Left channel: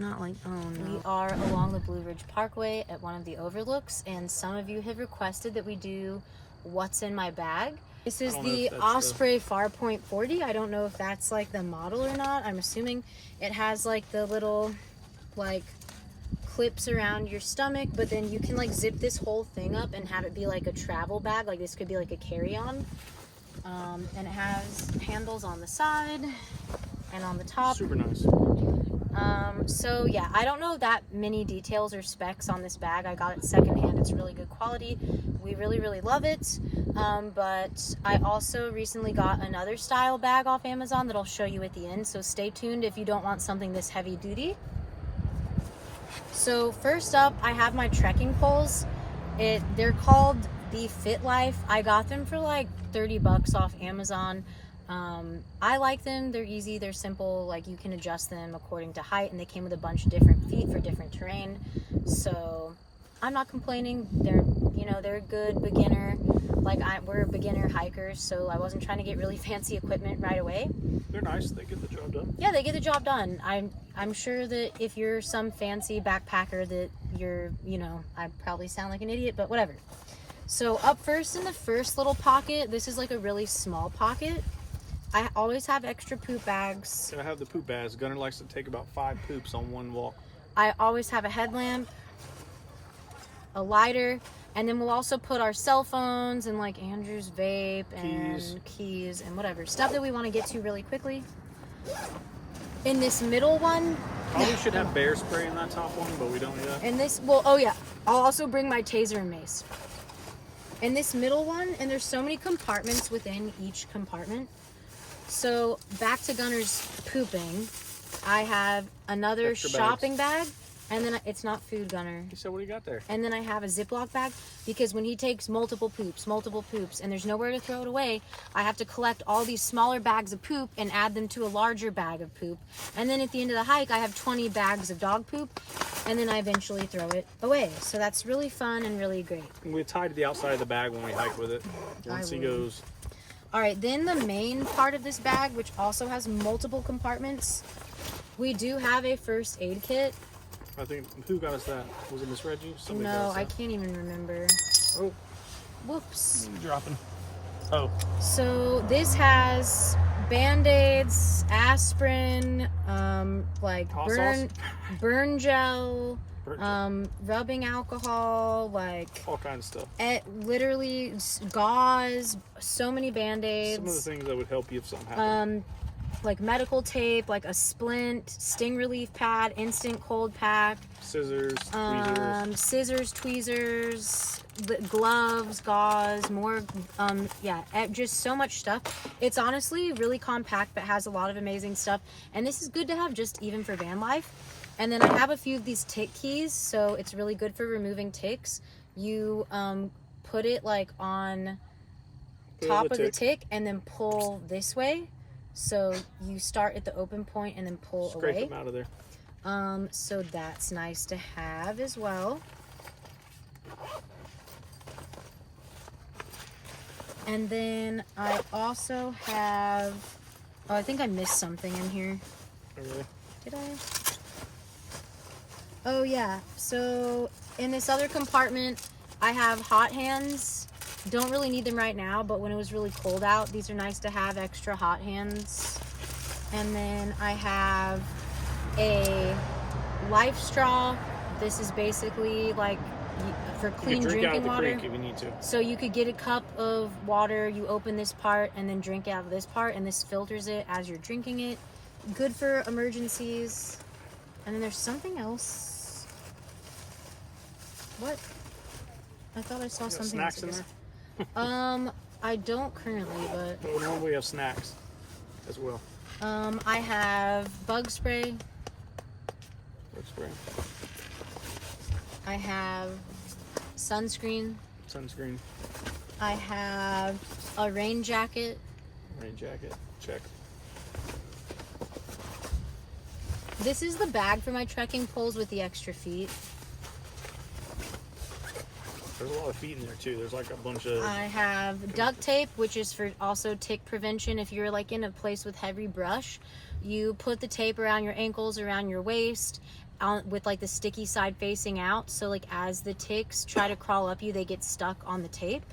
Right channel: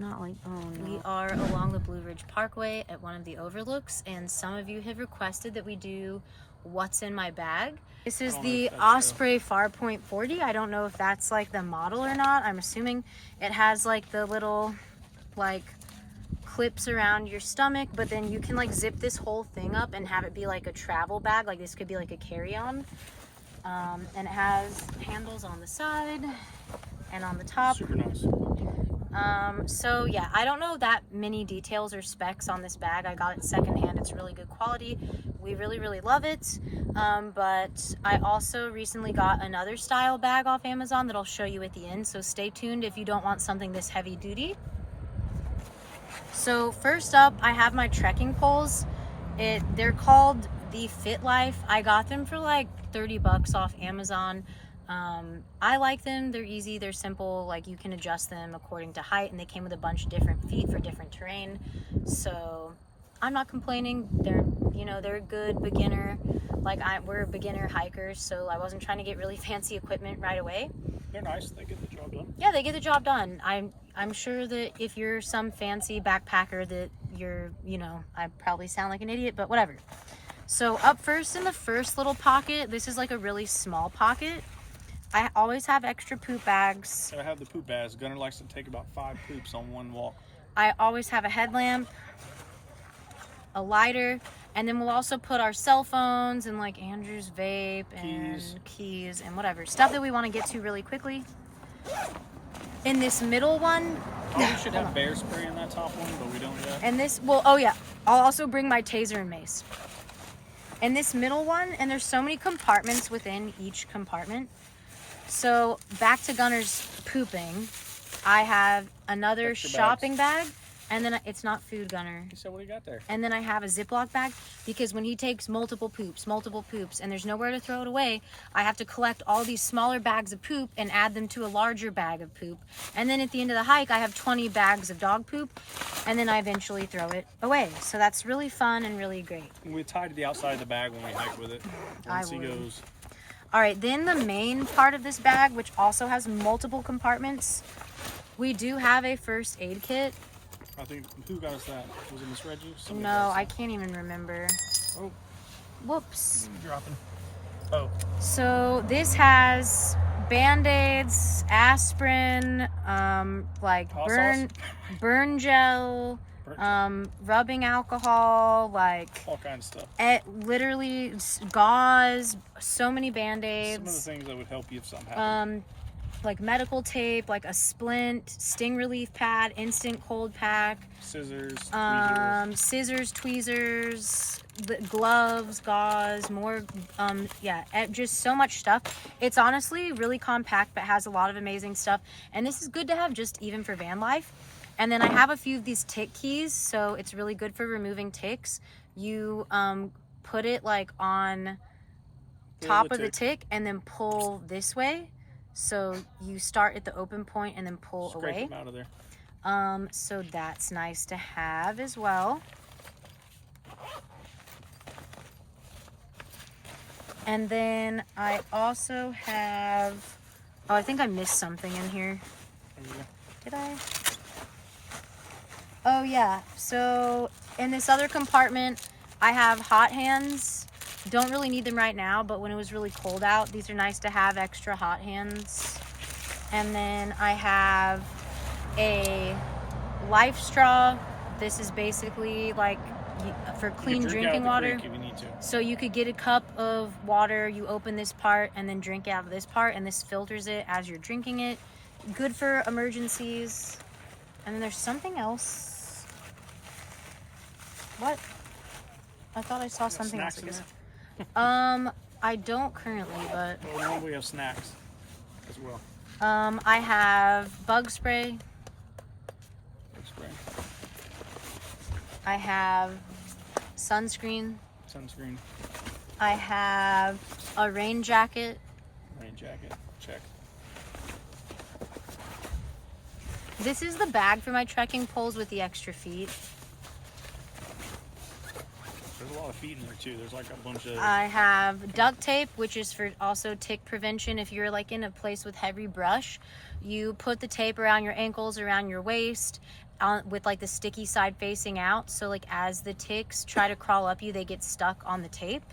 Not like, oh no. We are along the Blue Ridge Parkway at one of the overlooks, and some of you have requested that we do what's in my bag. This is the Osprey Farpoint 40. I don't know if that's like the model or not. I'm assuming it has like the little like clips around your stomach, but then you can like zip this whole thing up and have it be like a travel bag. Like this could be like a carry-on. And it has handles on the side and on the top. Super nice. So yeah, I don't know that many details or specs on this bag. I got it secondhand. It's really good quality. We really love it. But I also recently got another style bag off Amazon that I'll show you at the end. So stay tuned if you don't want something this heavy duty. So first up, I have my trekking poles. They're called the Fit Life. I got them for like 30 bucks off Amazon. I like them. They're easy, they're simple, like you can adjust them according to height, and they came with a bunch of different feet for different terrain. So I'm not complaining. They're, you know, they're a good beginner. Like we're beginner hikers, so I wasn't trying to get really fancy equipment right away. They're nice. They get the job done. Yeah, they get the job done. I'm sure that if you're some fancy backpacker that you're, you know, I probably sound like an idiot, but whatever. So up first in the first little pocket, this is like a really small pocket. I always have extra poop bags. I have the poop bags. Gunner likes to take about 5 poops on one walk. I always have a headlamp, a lighter, and then we'll also put our cell phones and like Andrew's vape and keys and whatever. Stuff that we want to get to really quickly. In this middle one, we should have bear spray in that top one, but we don't yet. And this, well, oh yeah, I'll also bring my taser and mace. In this middle one, and there's so many compartments within each compartment. So back to Gunner's pooping, I have another extra shopping bag, and then it's not food, Gunner. So what do you got there? And then I have a Ziploc bag, because when he takes multiple poops, and there's nowhere to throw it away, I have to collect all these smaller bags of poop and add them to a larger bag of poop. And then at the end of the hike, I have 20 bags of dog poop, and then I eventually throw it away. So that's really fun and really great. We tie to the outside of the bag when we hike with it. Once he goes. All right, then the main part of this bag, which also has multiple compartments, we do have a first aid kit. I think, who got us that? Was it Miss Reggie? No, I can't even remember. Oh. Whoops. Dropping. Oh. So this has Band-Aids, aspirin, like burn gel, rubbing alcohol, like all kinds of stuff. Literally gauze, so many Band-Aids. Some of the things that would help you if something happened. Like medical tape, like a splint, sting relief pad, instant cold pack, scissors, tweezers, gloves, gauze, more, yeah, just so much stuff. It's honestly really compact, but has a lot of amazing stuff. And this is good to have just even for van life. And then I have a few of these tick keys, so it's really good for removing ticks. You put it like on top of the tick and then pull this way. So you start at the open point and then pull away. Scrape them out of there. So that's nice to have as well. And then I also have, oh, I think I missed something in here. Okay. Did I? Oh yeah, so in this other compartment, I have hot hands. Don't really need them right now, but when it was really cold out, these are nice to have, extra hot hands. And then I have a life straw. This is basically like for clean drinking water. If you need to. So you could get a cup of water, you open this part and then drink out of this part, and this filters it as you're drinking it. Good for emergencies. And then there's something else. What? I thought I saw something else. Snacks in there? I don't currently, but we have snacks as well. I have bug spray. Bug spray. I have sunscreen. Sunscreen. I have a rain jacket. Rain jacket. Check. This is the bag for my trekking poles with the extra feet. There's a lot of feet in there too. There's like a bunch of... I have duct tape, which is for also tick prevention. If you're like in a place with heavy brush, you put the tape around your ankles, around your waist, with like the sticky side facing out. So like as the ticks try to crawl up you, they get stuck on the tape.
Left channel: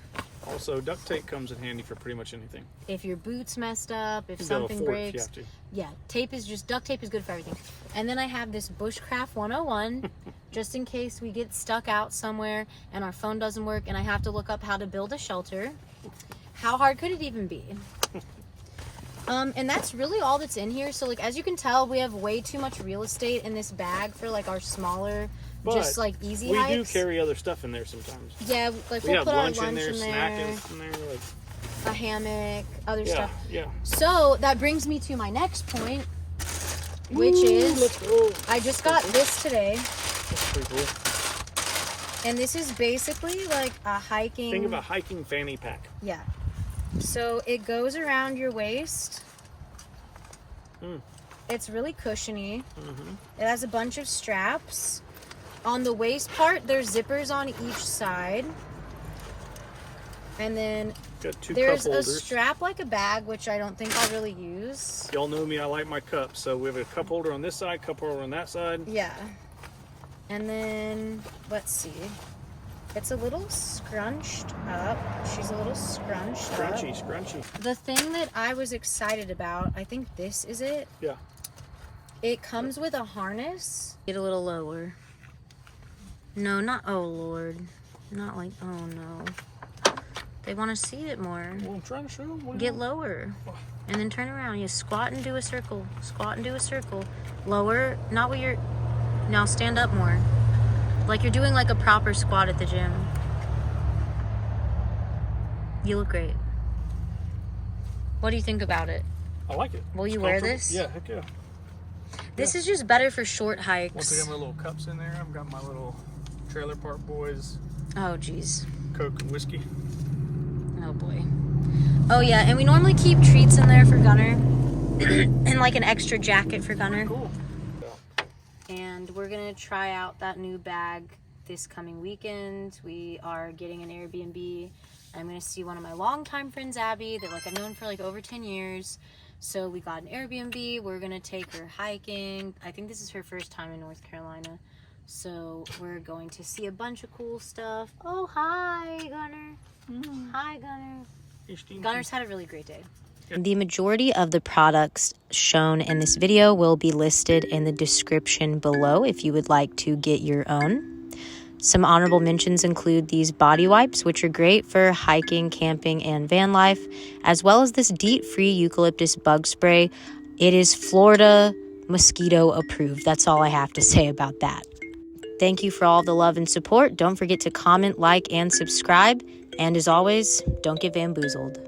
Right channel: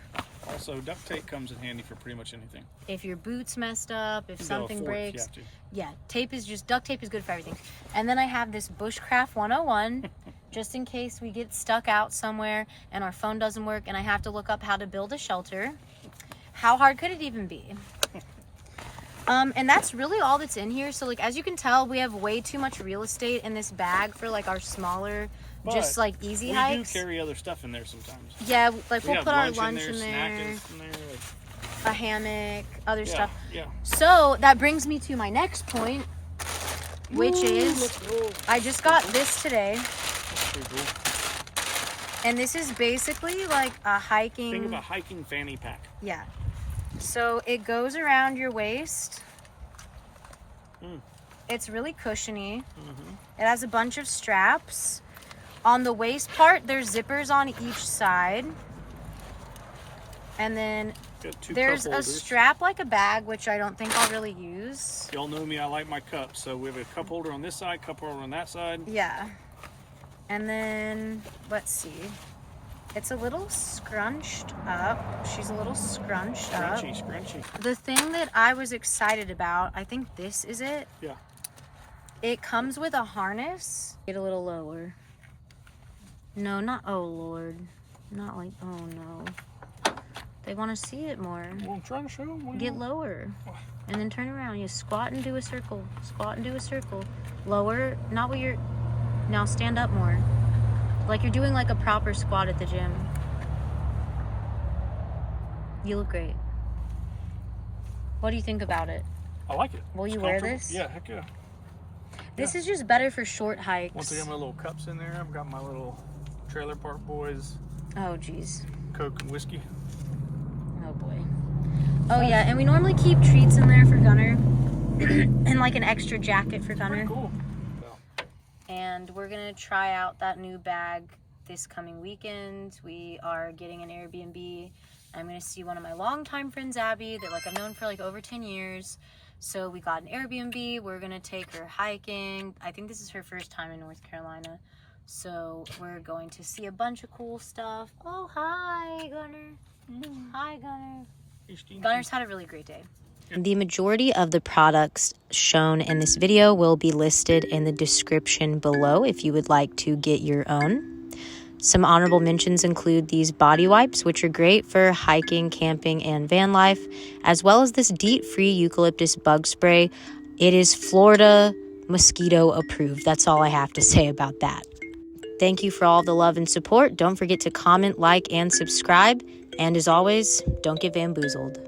Also, duct tape comes in handy for pretty much anything. If your boot's messed up, if something breaks. Yeah, duct tape is good for everything. And then I have this Bushcraft 101 just in case we get stuck out somewhere and our phone doesn't work and I have to look up how to build a shelter. How hard could it even be? And that's really all that's in here. So like as you can tell, we have way too much real estate in this bag for like our smaller, but just like easy hikes. We do carry other stuff in there sometimes. Yeah, like we'll put our lunch in there, like... a hammock, other stuff. Yeah. So that brings me to my next point, which is I just got this today. That's pretty cool. And this is basically like a hiking. Think of a hiking fanny pack. Yeah. So it goes around your waist. It's really cushiony. It has a bunch of straps. On the waist part, there's zippers on each side. And then there's a strap like a bag, which I don't think I'll really use. Y'all know me, I like my cups. So we have a cup holder on this side, cup holder on that side. Yeah. And then, let's see. It's a little scrunched up. She's a little scrunched up. Scrunchy. The thing that I was excited about, I think this is it. Yeah. It comes with a harness. Get a little lower. No, not, oh Lord. Not like, oh no. They want to see it more. Well, I'm trying to show them. Get lower. And then turn around. You squat and do a circle. Squat and do a circle. Lower. Not what you're... Now stand up more. Like you're doing like a proper squat at the gym. You look great. What do you think about it? I like it. Will you wear this? Yeah, heck yeah. This is just better for short hikes. Once I got my little cups in there, I've got my little Trailer Park Boys. Oh, geez. Coke and whiskey. Oh, boy. Oh, yeah, and we normally keep treats in there for Gunner. And like an extra jacket for Gunner. Cool. And we're going to try out that new bag this coming weekend. We are getting an Airbnb. I'm going to see one of my longtime friends, Abby, that like I've known for like over 10 years. So we got an Airbnb. We're going to take her hiking. I think this is her first time in North Carolina. So we're going to see a bunch of cool stuff. Oh, hi, Gunner. Hi, Gunner. Gunner's had a really great day. The majority of the products shown in this video will be listed in the description below if you would like to get your own. Some honorable mentions include these body wipes, which are great for hiking, camping, and van life, as well as this DEET-free eucalyptus bug spray. It is Florida mosquito approved. That's all I have to say about that. Thank you for all the love and support. Don't forget to comment, like, and subscribe. And as always, don't get bamboozled.